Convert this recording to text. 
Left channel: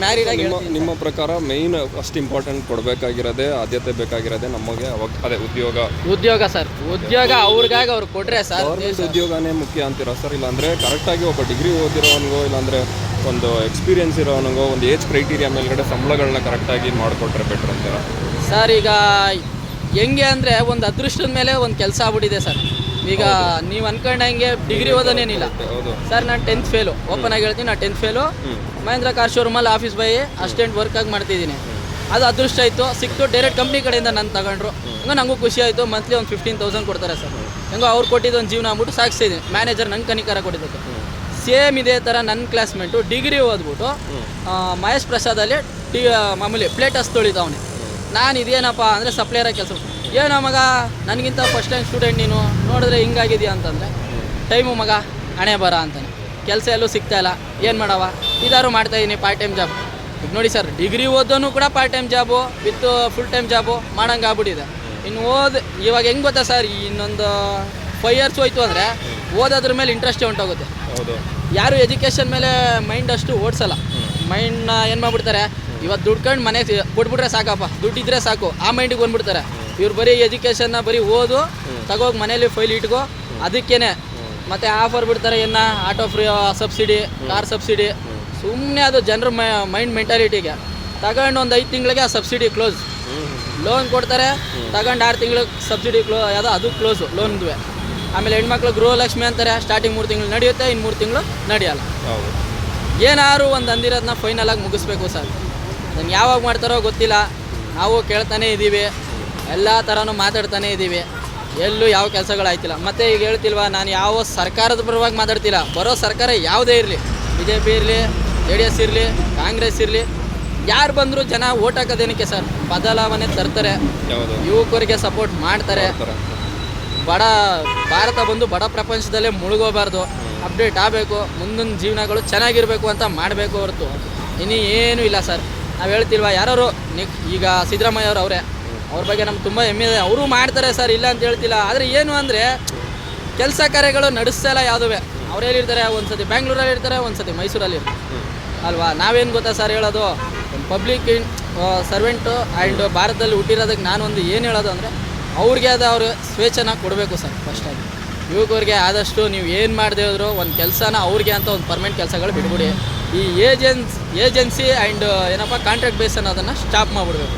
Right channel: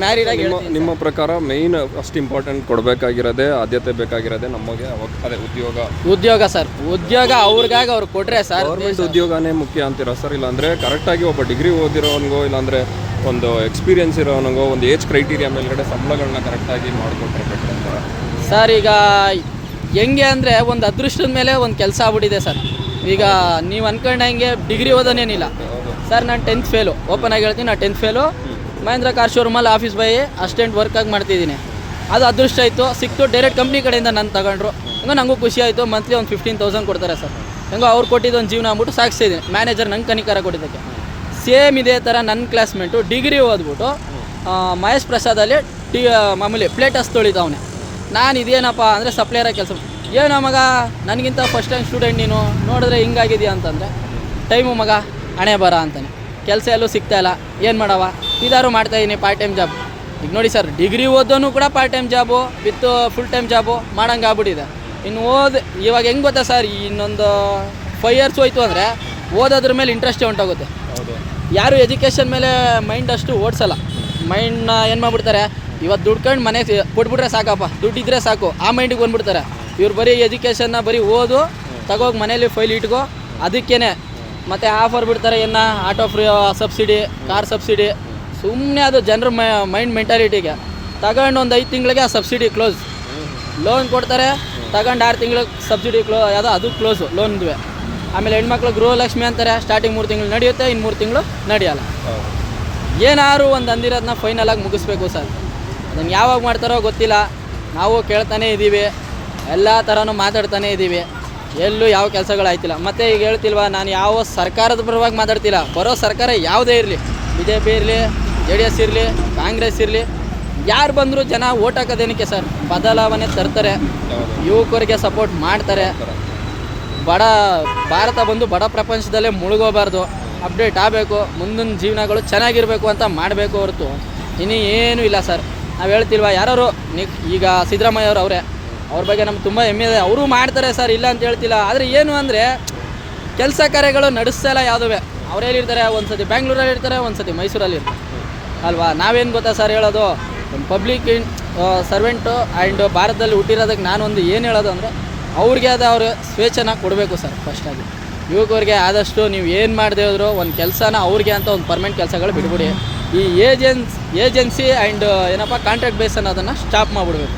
Married ಆಗಿ ನಿಮ್ಮ ಪ್ರಕಾರ ಮೇಯ್ನ್ ಅಷ್ಟು ಇಂಪಾರ್ಟೆಂಟ್ ಕೊಡಬೇಕಾಗಿರೋದೇ ಆದ್ಯತೆ ಬೇಕಾಗಿರೋದೇ ನಮಗೆ ಅದೇ ಉದ್ಯೋಗ ಸರ್. ಉದ್ಯೋಗ ಅವ್ರಿಗಾಗಿ ಅವ್ರು ಕೊಟ್ರೆ ಸರ್ ಗೌರ್ಮೆಂಟ್ ಉದ್ಯೋಗನೇ ಮುಖ್ಯ ಅಂತೀರಾ ಸರ್? ಇಲ್ಲಾಂದರೆ ಕರೆಕ್ಟಾಗಿ ಒಬ್ಬ ಡಿಗ್ರಿ ಓದಿರೋನಿಗೋ ಇಲ್ಲಾಂದರೆ ಒಂದು ಎಕ್ಸ್ಪೀರಿಯನ್ಸ್ ಇರೋನಿಗೋ ಒಂದು ಏಜ್ ಕ್ರೈಟೀರಿಯಾ ಮೇಲ್ಗಡೆ ಸಂಬಳಗಳನ್ನ ಕರೆಕ್ಟಾಗಿ ಮಾಡಿಕೊಟ್ರೆ ಬೆಟ್ರ್ ಅಂತಾರೆ ಸರ್. ಈಗ ಹೆಂಗೆ ಅಂದರೆ ಒಂದು ಅದೃಷ್ಟದ ಮೇಲೆ ಒಂದು ಕೆಲಸ ಆಗ್ಬಿಟ್ಟಿದೆ ಸರ್. ಈಗ ನೀವು ಅಂದ್ಕೊಂಡಂಗೆ ಡಿಗ್ರಿ ಓದೋನೇನಿಲ್ಲ ಸರ್. ನಾನು 10th ಫೇಲು, ಓಪನ್ ಆಗಿ ಹೇಳ್ತೀನಿ. ನಾನು 10th ಫೇಲು ಮಹೇಂದ್ರ ಕಾರ್ ಶೋರೂಮಲ್ಲಿ ಆಫೀಸ್ ಬಾಯ್ ಅಸಿಸ್ಟೆಂಟ್ ವರ್ಕಾಗಿ ಮಾಡ್ತಿದ್ದೀನಿ. ಅದು ಅದೃಷ್ಟ ಆಯಿತು, ಸಿಕ್ತು. ಡೈರೆಕ್ಟ್ ಕಂಪ್ನಿ ಕಡೆಯಿಂದ ನಾನು ತಗೊಂಡ್ರು. ಹಂಗೆ ನನಗೂ ಖುಷಿ ಆಯಿತು. ಮಂತ್ಲಿ ಒಂದು 15,000 ಕೊಡ್ತಾರೆ ಸರ್. ಹಂಗೆ ಅವ್ರು ಕೊಟ್ಟಿದ್ದು ಒಂದು ಜೀವನ ಅಂದ್ಬಿಟ್ಟು ಸಾಗಿಸಿದ್ದೀನಿ. ಮ್ಯಾನೇಜರ್ ನಂಗೆ ಕನಿಕಾರ ಕೊಟ್ಟಿದ್ದಕ್ಕೆ. ಸೇಮ್ ಇದೇ ಥರ ನನ್ನ ಕ್ಲಾಸ್ಮೇಟು ಡಿಗ್ರಿ ಓದ್ಬಿಟ್ಟು ಮಹೇಶ್ ಪ್ರಸಾದಲ್ಲಿ ಮಾಮೂಲಿ ಪ್ಲೇಟಸ್ ತೊಳಿತಾವನೆ. ನಾನು ಇದೇನಪ್ಪ ಅಂದರೆ ಸಪ್ಲೈಯರಾಗಿ ಕೆಲಸ. ಏನೋ ಮಗ ನನಗಿಂತ ಫಸ್ಟ್ ಟೈಮ್ ಸ್ಟೂಡೆಂಟ್, ನೀನು ನೋಡಿದ್ರೆ ಹಿಂಗಾಗಿದೆಯಾ ಅಂತಂದರೆ ಟೈಮು ಮಗ ಹಣೆ ಬರ ಅಂತಾನೆ. ಕೆಲಸ ಎಲ್ಲೂ ಸಿಗ್ತಾಯಿಲ್ಲ, ಏನು ಮಾಡವ, ಇದಾರು ಮಾಡ್ತಾಯಿದ್ದೀನಿ ಪಾರ್ಟ್ ಟೈಮ್ ಜಾಬ್. ಈಗ ನೋಡಿ ಸರ್, ಡಿಗ್ರಿ ಓದೋನು ಕೂಡ part time job with full time job ಮಾಡೋಂಗೆ ಆಗ್ಬಿಟ್ಟಿದೆ. ಇನ್ನು ಇವಾಗ ಹೆಂಗೆ ಗೊತ್ತಾ ಸರ್, ಇನ್ನೊಂದು 5 years ಹೋಯ್ತು ಅಂದರೆ ಓದೋದ್ರ ಮೇಲೆ ಇಂಟ್ರೆಸ್ಟೇ ಹೊಂಟೋಗುತ್ತೆ. ಯಾರು ಎಜುಕೇಷನ್ ಮೇಲೆ ಮೈಂಡ್ ಅಷ್ಟು ಓಡಿಸಲ್ಲ. ಮೈಂಡ್ನ ಏನು ಮಾಡ್ಬಿಡ್ತಾರೆ, ಇವತ್ತು ದುಡ್ಕೊಂಡು ಮನೆಗೆ ಕೊಟ್ಬಿಟ್ರೆ ಸಾಕಪ್ಪ, ದುಡ್ಡಿದ್ರೆ ಸಾಕು, ಆ ಮೈಂಡಿಗೆ ಬಂದ್ಬಿಡ್ತಾರೆ. ಇವ್ರು ಬರೀ ಎಜುಕೇಷನ್ನ ಬರೀ ಓದು, ತಗೋಗಿ ಮನೇಲಿ ಫೈಲ್ ಇಟ್ಕೋ, ಅದಕ್ಕೇ ಮತ್ತು ಆಫರ್ ಬಿಡ್ತಾರೆ. ಏನು auto free subsidy, car subsidy. ಸುಮ್ಮನೆ ಅದು ಜನರ ಮೈಂಡ್ ಮೆಂಟಾಲಿಟಿಗೆ ತಗೊಂಡು ಒಂದು 5 ತಿಂಗಳಿಗೆ ಆ ಸಬ್ಸಿಡಿ ಕ್ಲೋಸ್. ಲೋನ್ ಕೊಡ್ತಾರೆ, ತಗೊಂಡು 6 ತಿಂಗಳು ಸಬ್ಸಿಡಿ ಯಾವುದೋ ಅದು ಕ್ಲೋಸು ಲೋನ್ಗೆ. ಆಮೇಲೆ ಹೆಣ್ಮಕ್ಳು ಗೃಹಲಕ್ಷ್ಮಿ ಅಂತಾರೆ, ಸ್ಟಾರ್ಟಿಂಗ್ 3 ತಿಂಗಳು ನಡೆಯುತ್ತೆ, ಇನ್ನು 3 ತಿಂಗಳು ನಡೆಯಲ್ಲ. ಏನಾದ್ರು ಒಂದು ಅಂದಿರೋದನ್ನ ಫೈನಲಾಗಿ ಮುಗಿಸ್ಬೇಕು ಸರ್. ನಂಗೆ ಯಾವಾಗ ಮಾಡ್ತಾರೋ ಗೊತ್ತಿಲ್ಲ. ನಾವು ಕೇಳ್ತಾನೆ ಇದ್ದೀವಿ, ಎಲ್ಲ ಥರನೂ ಮಾತಾಡ್ತಾನೆ ಇದ್ದೀವಿ, ಎಲ್ಲೂ ಯಾವ ಕೆಲಸಗಳಾಯ್ತಿಲ್ಲ. ಮತ್ತು ಈಗ ಹೇಳ್ತಿಲ್ವ, ನಾನು ಯಾವ ಸರ್ಕಾರದ ಪರವಾಗಿ ಮಾತಾಡ್ತಿಲ್ಲ. ಬರೋ ಸರ್ಕಾರ ಯಾವುದೇ ಇರಲಿ, BJP ಇರಲಿ, JDS ಇರಲಿ, ಕಾಂಗ್ರೆಸ್ ಇರಲಿ, ಯಾರು ಬಂದರೂ ಜನ ಓಟ್ ಹಾಕೋದೇನಕ್ಕೆ ಸರ್? ಬದಲಾವಣೆ ತರ್ತಾರೆ, ಯುವಕರಿಗೆ ಸಪೋರ್ಟ್ ಮಾಡ್ತಾರೆ. ಬಡ ಭಾರತ ಬಂದು ಬಡ ಪ್ರಪಂಚದಲ್ಲೇ ಮುಳುಗೋಬಾರ್ದು, ಅಪ್ಡೇಟ್ ಆಗಬೇಕು, ಮುಂದಿನ ಜೀವನಗಳು ಚೆನ್ನಾಗಿರಬೇಕು ಅಂತ ಮಾಡಬೇಕು ಹೊರತು ಇನ್ನೂ ಏನೂ ಇಲ್ಲ ಸರ್. ನಾವು ಹೇಳ್ತಿಲ್ವ, ಯಾರು ಈಗ ಸಿದ್ದರಾಮಯ್ಯ ಅವರೇ, ಅವ್ರ ಬಗ್ಗೆ ನಮ್ಗೆ ತುಂಬ ಹೆಮ್ಮೆ ಇದೆ. ಅವರು ಮಾಡ್ತಾರೆ ಸರ್, ಇಲ್ಲ ಅಂತ ಹೇಳ್ತಿಲ್ಲ. ಆದರೆ ಏನು ಅಂದರೆ ಕೆಲಸ ಕಾರ್ಯಗಳು ನಡೆಸ್ತಾಯಿಲ್ಲ ಯಾವುದುವೆ. ಅವ್ರು ಹೇಳಿರ್ತಾರೆ, ಒಂದು ಸತಿ ಬ್ಯಾಂಗ್ಳೂರಲ್ಲಿ ಇರ್ತಾರೆ, ಒಂದು ಸತಿ ಮೈಸೂರಲ್ಲಿ ಇರ್ತಾರೆ ಅಲ್ವಾ. ನಾವೇನು ಗೊತ್ತಾ ಸರ್ ಹೇಳೋದು, ಒಂದು ಪಬ್ಲಿಕ್ ಸರ್ವೆಂಟು ಆ್ಯಂಡ್ ಭಾರತದಲ್ಲಿ ಹುಟ್ಟಿರೋದಕ್ಕೆ ನಾನೊಂದು ಏನು ಹೇಳೋದು ಅಂದರೆ, ಅವ್ರಿಗೆ ಆದ ಅವರು ಸ್ವೇಚ್ಛನ ಕೊಡಬೇಕು ಸರ್. ಫಸ್ಟಾಗಿ ಯುವಕರಿಗೆ ಆದಷ್ಟು ನೀವು ಏನು ಮಾಡದೆ ಹೋದ್ರು ಒಂದು ಕೆಲಸನ ಅವ್ರಿಗೆ ಅಂತ ಒಂದು ಪರ್ಮನೆಂಟ್ ಕೆಲಸಗಳು ಬಿಡ್ಬಿಡಿ. ಈ ಏಜೆನ್ಸಿ ಆ್ಯಂಡ್ ಏನಪ್ಪ ಕಾಂಟ್ರಾಕ್ಟ್ ಬೇಸ್ ಅನ್ನೋದನ್ನು ಸ್ಟಾಪ್ ಮಾಡಿಬಿಡ್ಬೇಕು.